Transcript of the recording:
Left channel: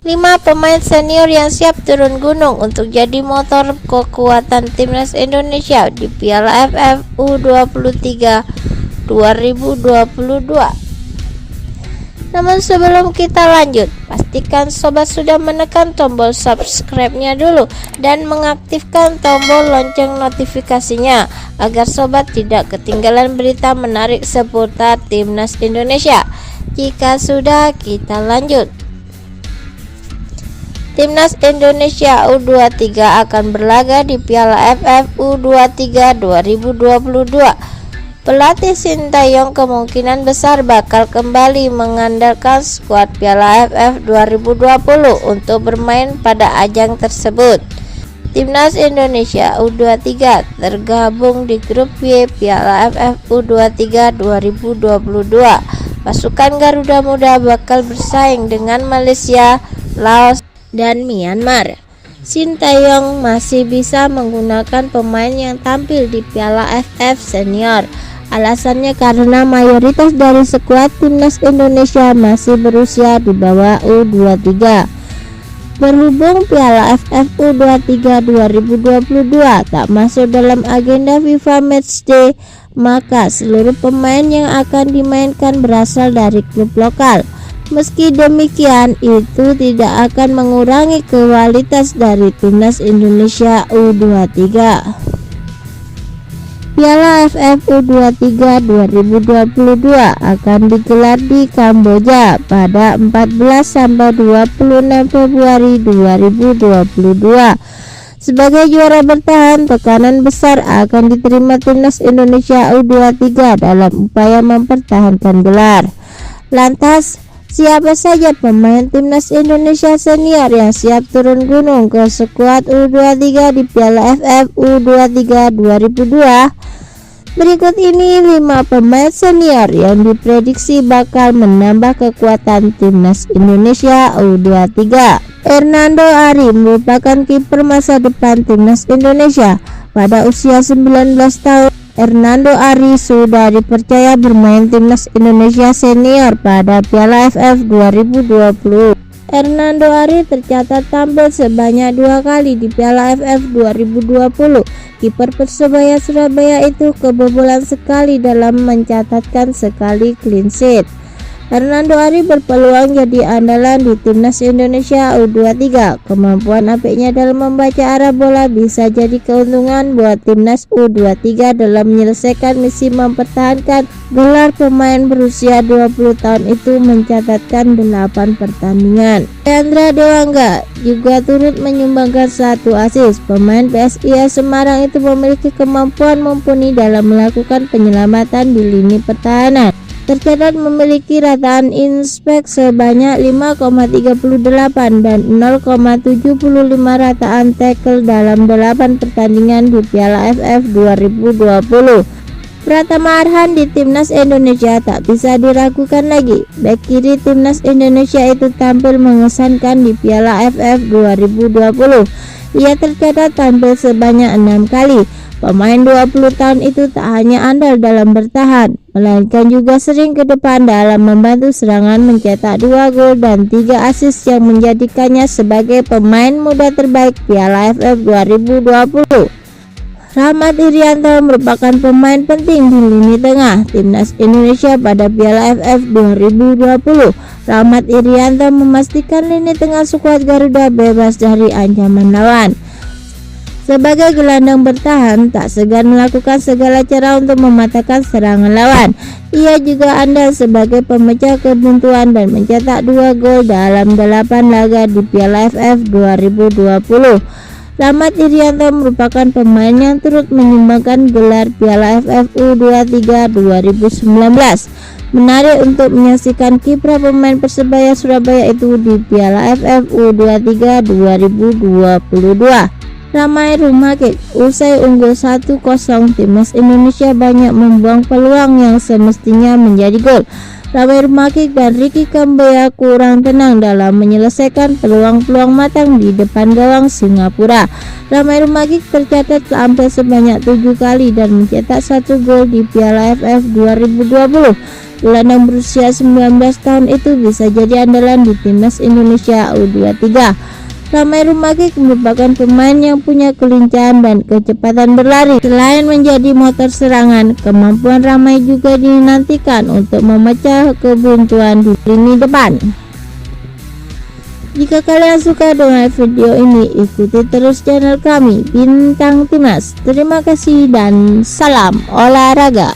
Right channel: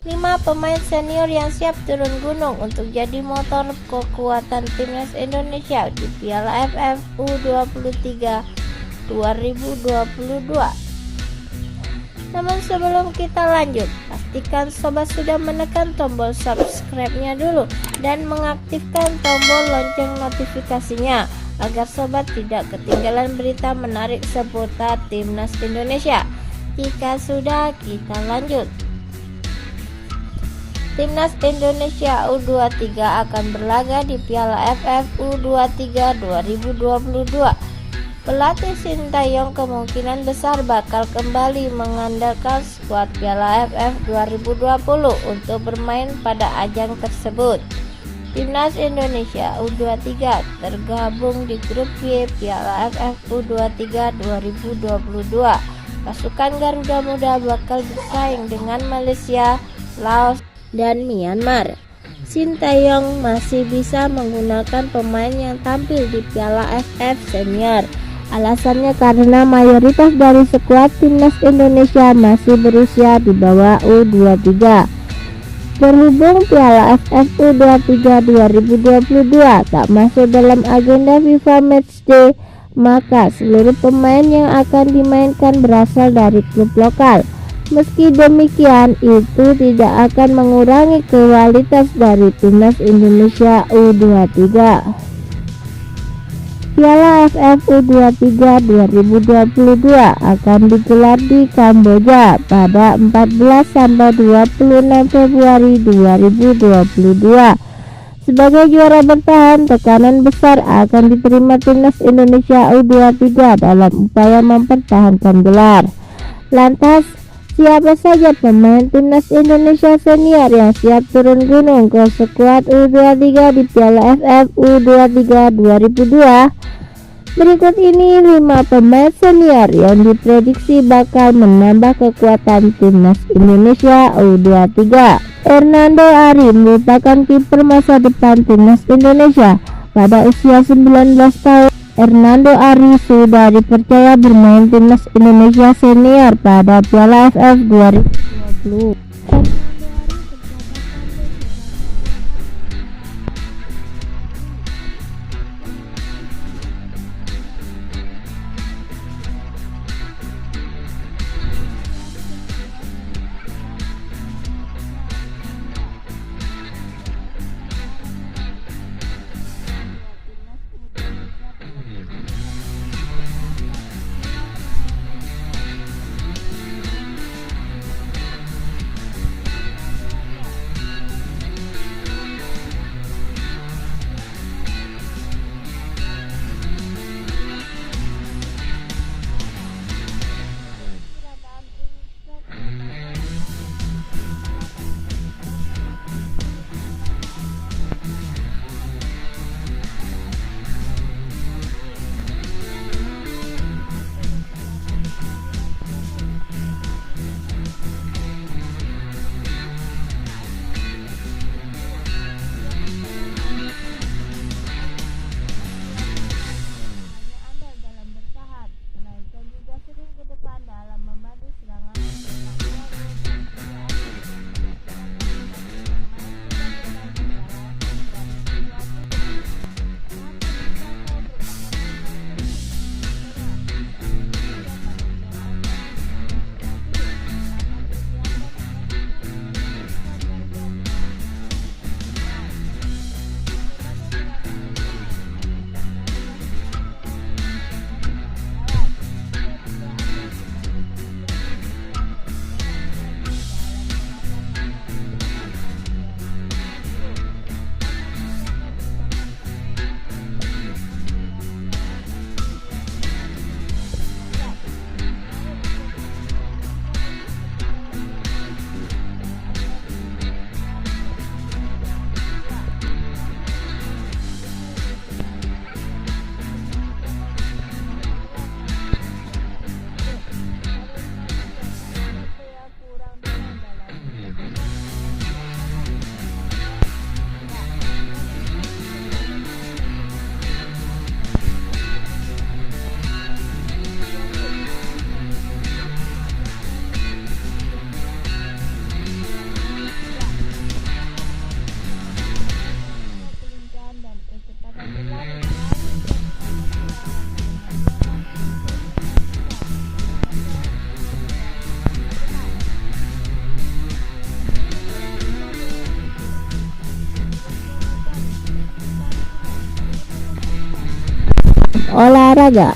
5 pemain senior yang siap turun gunung untuk jadi motor kekuatan timnas Indonesia di Piala AFF U23 2022. Namun sebelum kita lanjut, pastikan sobat sudah menekan tombol subscribe-nya dulu dan mengaktifkan tombol lonceng notifikasinya agar sobat tidak ketinggalan berita menarik seputar timnas Indonesia. Jika sudah, kita lanjut. Timnas Indonesia U23 akan berlaga di Piala AFF U23 2022. Pelatih Sintayong kemungkinan besar bakal kembali mengandalkan skuad Piala AFF 2020 untuk bermain pada ajang tersebut. Timnas Indonesia U23 tergabung di grup Y Piala AFF U23 2022. Pasukan Garuda Muda bakal bersaing dengan Malaysia, Laos, dan Myanmar. Sintayong masih bisa menggunakan pemain yang tampil di Piala AFF Senior. Alasannya karena mayoritas dari skuad timnas Indonesia masih berusia di bawah U23. Berhubung Piala AFF U23 2022 tak masuk dalam agenda FIFA Matchday, maka seluruh pemain yang akan dimainkan berasal dari klub lokal. Meski demikian, itu tidak akan mengurangi kualitas dari timnas Indonesia U23. Piala AFF U23 2022 akan digelar di Kamboja pada 14 sampai 26 Februari 2022. Sebagai juara bertahan, tekanan besar akan diterima timnas Indonesia U23 dalam upaya mempertahankan gelar. Lantas, siapa saja pemain timnas Indonesia senior yang siap turun gunung ke skuad U23 di Piala AFF U23 2002? Berikut ini 5 pemain senior yang diprediksi bakal menambah kekuatan timnas Indonesia U23. Hernando Ari merupakan kiper masa depan timnas Indonesia. Pada usia 19 tahun, Hernando Ari sudah dipercaya bermain timnas Indonesia senior pada Piala AFF 2020. Hernando Ari tercatat tampil sebanyak 2 kali di Piala AFF 2020. Kiper Persebaya Surabaya itu kebobolan sekali dalam mencatatkan sekali clean sheet. Hernando Ari berpeluang jadi andalan di timnas Indonesia U23. Kemampuan apiknya dalam membaca arah bola bisa jadi keuntungan buat timnas U23 dalam menyelesaikan misi mempertahankan gelar. Pemain berusia 20 tahun itu mencatatkan 8 pertandingan. Leandra Dewangga juga turut menyumbangkan 1 assist. Pemain PSIS Semarang itu memiliki kemampuan mumpuni dalam melakukan penyelamatan di lini pertahanan. Tercatat memiliki rataan inspek sebanyak 5,38 dan 0,75 rataan tackle dalam 8 pertandingan di Piala AFF 2020. Pratama Arhan di timnas Indonesia tak bisa diragukan lagi. Bek kiri timnas Indonesia itu tampil mengesankan di Piala AFF 2020. Ia tercatat tampil sebanyak 6 kali. Pemain 20 tahun itu tak hanya andal dalam bertahan, melainkan juga sering ke depan dalam membantu serangan, mencetak 2 gol dan 3 assist yang menjadikannya sebagai pemain muda terbaik Piala AFF 2020. Rahmat Irianto merupakan pemain penting di lini tengah timnas Indonesia pada Piala AFF 2020. Rahmat Irianto memastikan lini tengah skuad Garuda bebas dari ancaman lawan. Sebagai gelandang bertahan, tak segan melakukan segala cara untuk mematahkan serangan lawan. Ia juga andal sebagai pemecah kebuntuan dan mencetak 2 gol dalam 8 laga di Piala AFF 2020. Rahmat Irianto merupakan pemain yang turut menyumbangkan gelar Piala AFF U23 2019. Menarik untuk menyaksikan kiprah pemain Persebaya Surabaya itu di Piala AFF U23 2022. Ramai rumah kick. Usai unggul 1-0, timnas Indonesia banyak membuang peluang yang semestinya menjadi gol. Ramai Rumakik dan Ricky Kamboja kurang tenang dalam menyelesaikan peluang-peluang matang di depan gawang Singapura. Ramai Rumakik tercatat tampil sebanyak 7 kali dan mencetak 1 gol di Piala AFF 2020. Gelandang berusia 19 tahun itu bisa jadi andalan di timnas Indonesia U23. Ramai Rumakik merupakan pemain yang punya kelincahan dan kecepatan berlari. Selain menjadi motor serangan, kemampuan Ramai juga dinantikan untuk memecah kebuntuan di lini depan. Jika kalian suka dengan video ini, ikuti terus channel kami Bintang Timnas. Terima kasih dan salam olahraga.